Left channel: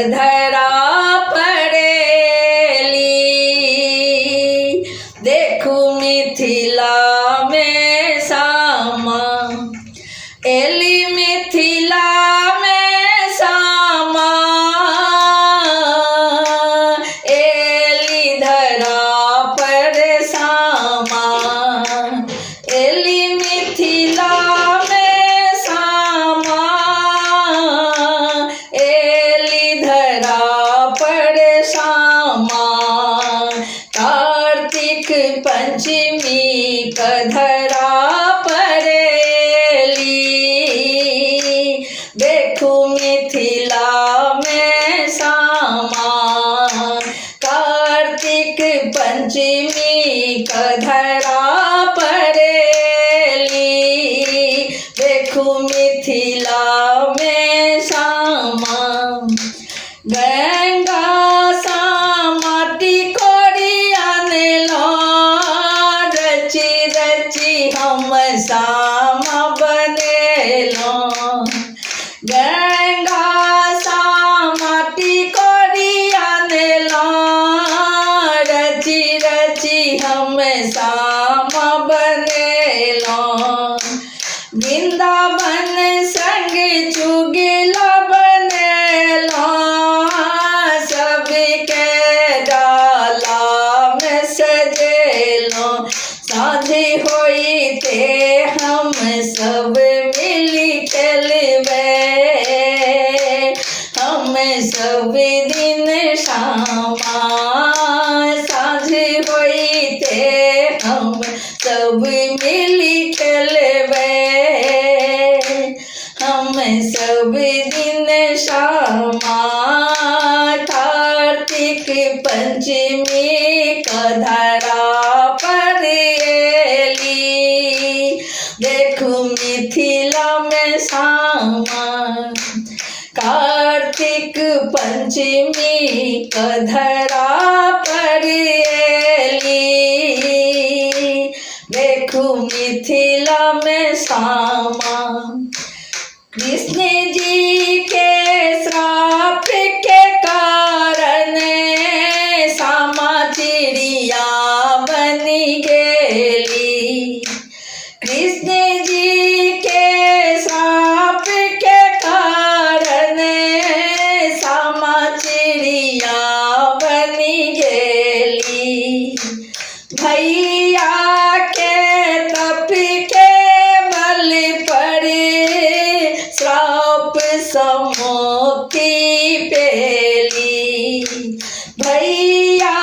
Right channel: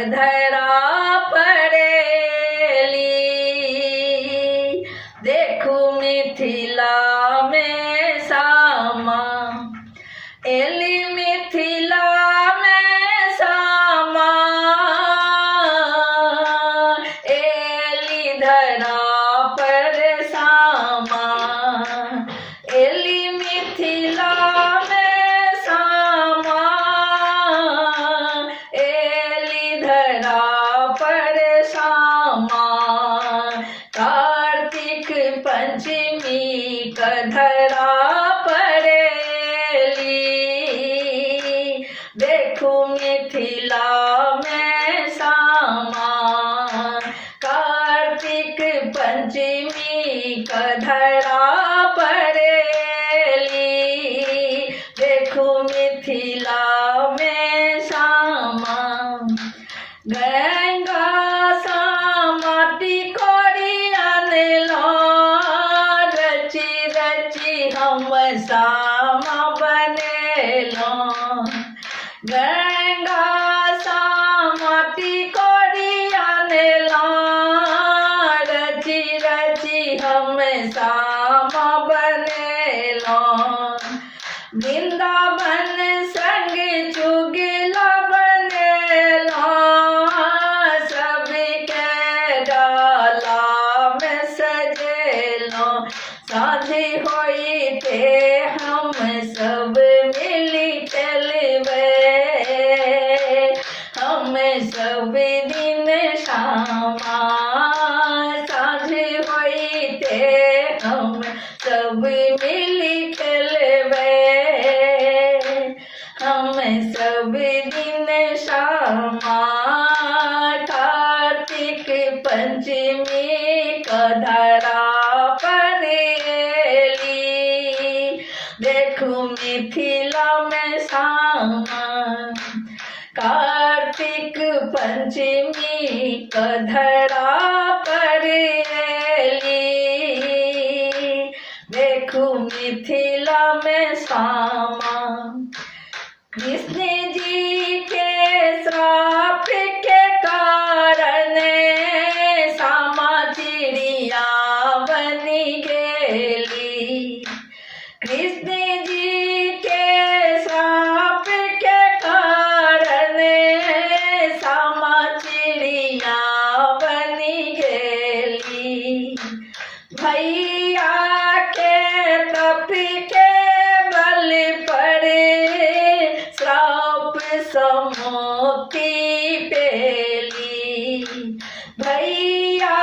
कधरा पड़ेली। देखू मिथिला में सामा एली, मिथिला में सामा एली धरा पर सामा। एली मिथिला में सामा एली धरा पर सामा। कार्तिक पंचमी कधरा पड़ेली। देखू मिथिला में सामा कार्तिक पंचमी कधरा पड़ेली। देखू मिथिला में सामा। गंगा सामाटी कोड़ी आनेला, रची रची हम सामा बनेलो। गंगा सामाटी कोड़ी आनेला, रची रची हम सामा बनेलो। वृंदावन संग चुगला बनेला, सबके डाला में सजेलो। साझी होई ते हम सब मिली चलबे, हम सब दिन शामा। साझी होई ते हम सब मिली चलबे, हम सब दिन शामा। कार्तिक पंचमी कधरा पड़ेली। देखू मिथिला में सामा कार्तिक पंचमी कधरा पड़ेली। देखू मिथिला में सामा। कृष्ण जी के श्राप के कारण सामा चिड़िया बनी गेली। कृष्ण जी के श्राप के कारण सामा चिड़िया बनी गेली। भैया के तप के बल पर श्राप समुक्ति पेली। भैया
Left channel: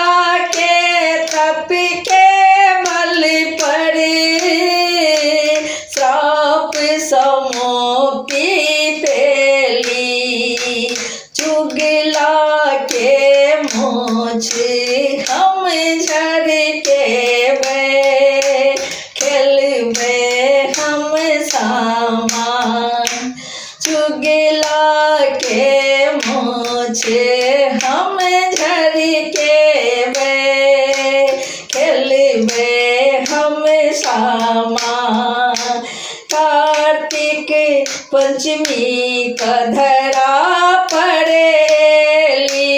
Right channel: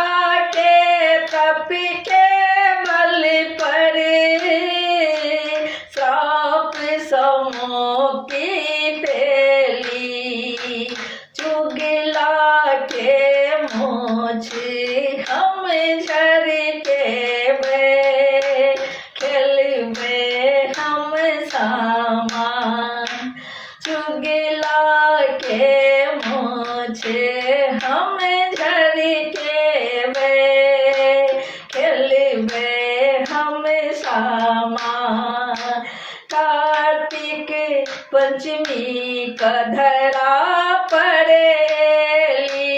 के तप के बल पर श्राप समुक्ति पेली। चुगला के मोछ हम झरकेबे, खेलबे हम सामा। चुगला के मोछ हम झरकेबे, खेलबे हम सामा। कार्तिक पंचमी कधरा पड़ेली।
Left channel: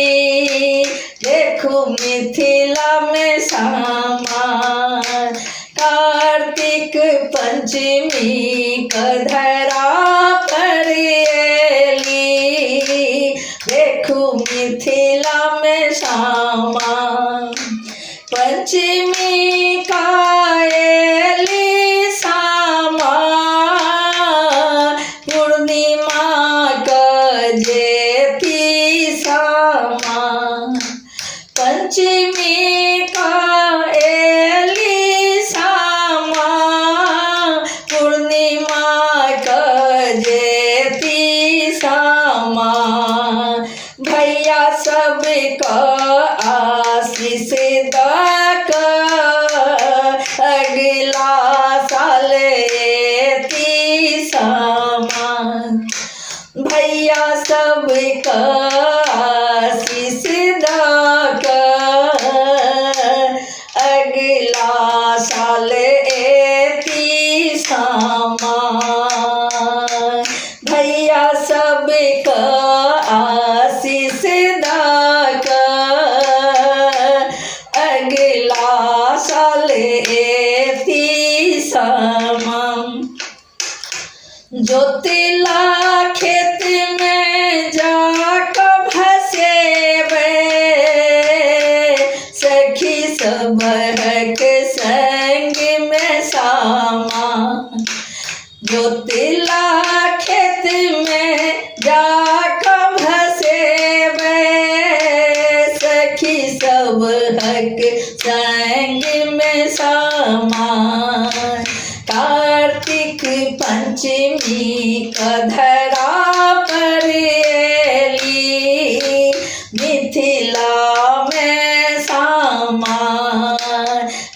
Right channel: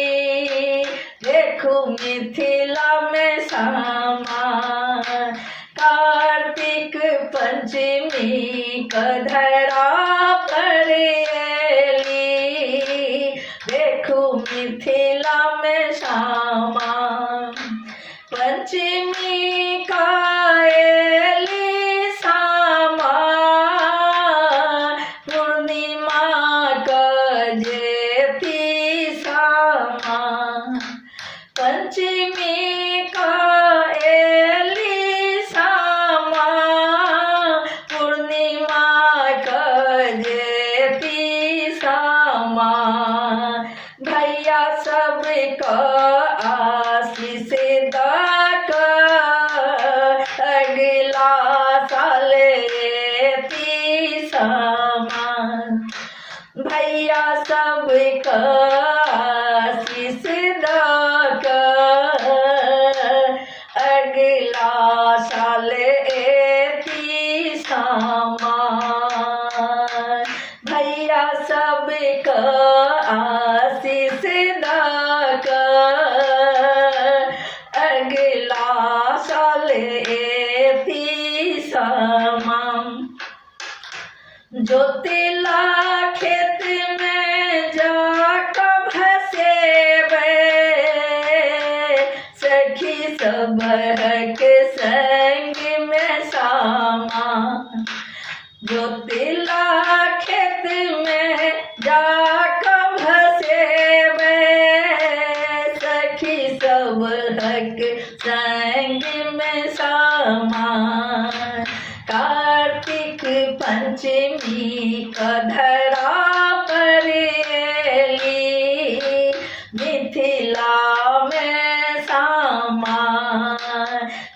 देखू मिथिला में सामा कार्तिक पंचमी कधरा पड़ेली। देखू मिथिला में सामा। पंचमी काएली सामा, पूर्णिमा जेती सामा। पंचमी काएली सामा, पूर्णिमा जेती सामा। भैया सबका आशीष दाका जोतिला खेत में जाकर भसेबे, सखी सब के संग में सामा। जोतिला खेत में जाकर भसेबे, सखी सब के संग में सामा। कार्तिक पंचमी कधरा पर एली, मिथिला में सामा।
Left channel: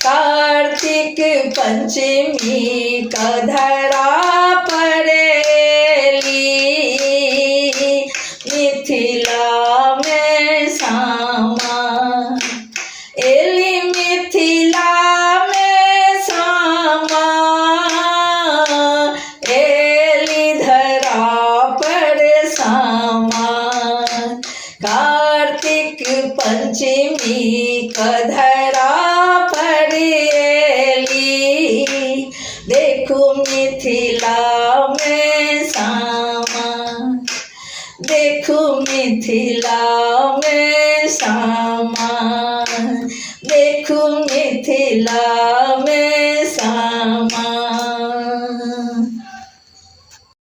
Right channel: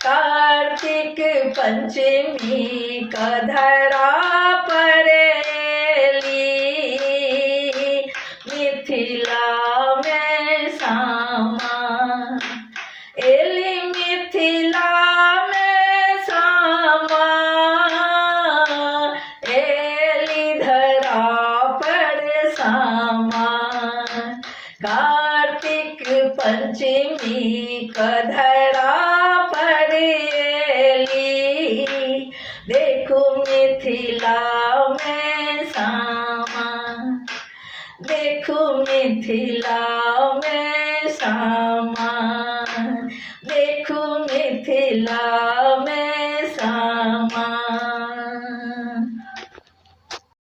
कार्तिक पंचमी कधरा पर एली, मिथिला में सामा। एली मिथिला में सामा, एली धरा पर सामा। कार्तिक पंचमी कधरा पर एली, देखो मिथिला में सामा। देखो मिथिला में सामा, देखो मिथिला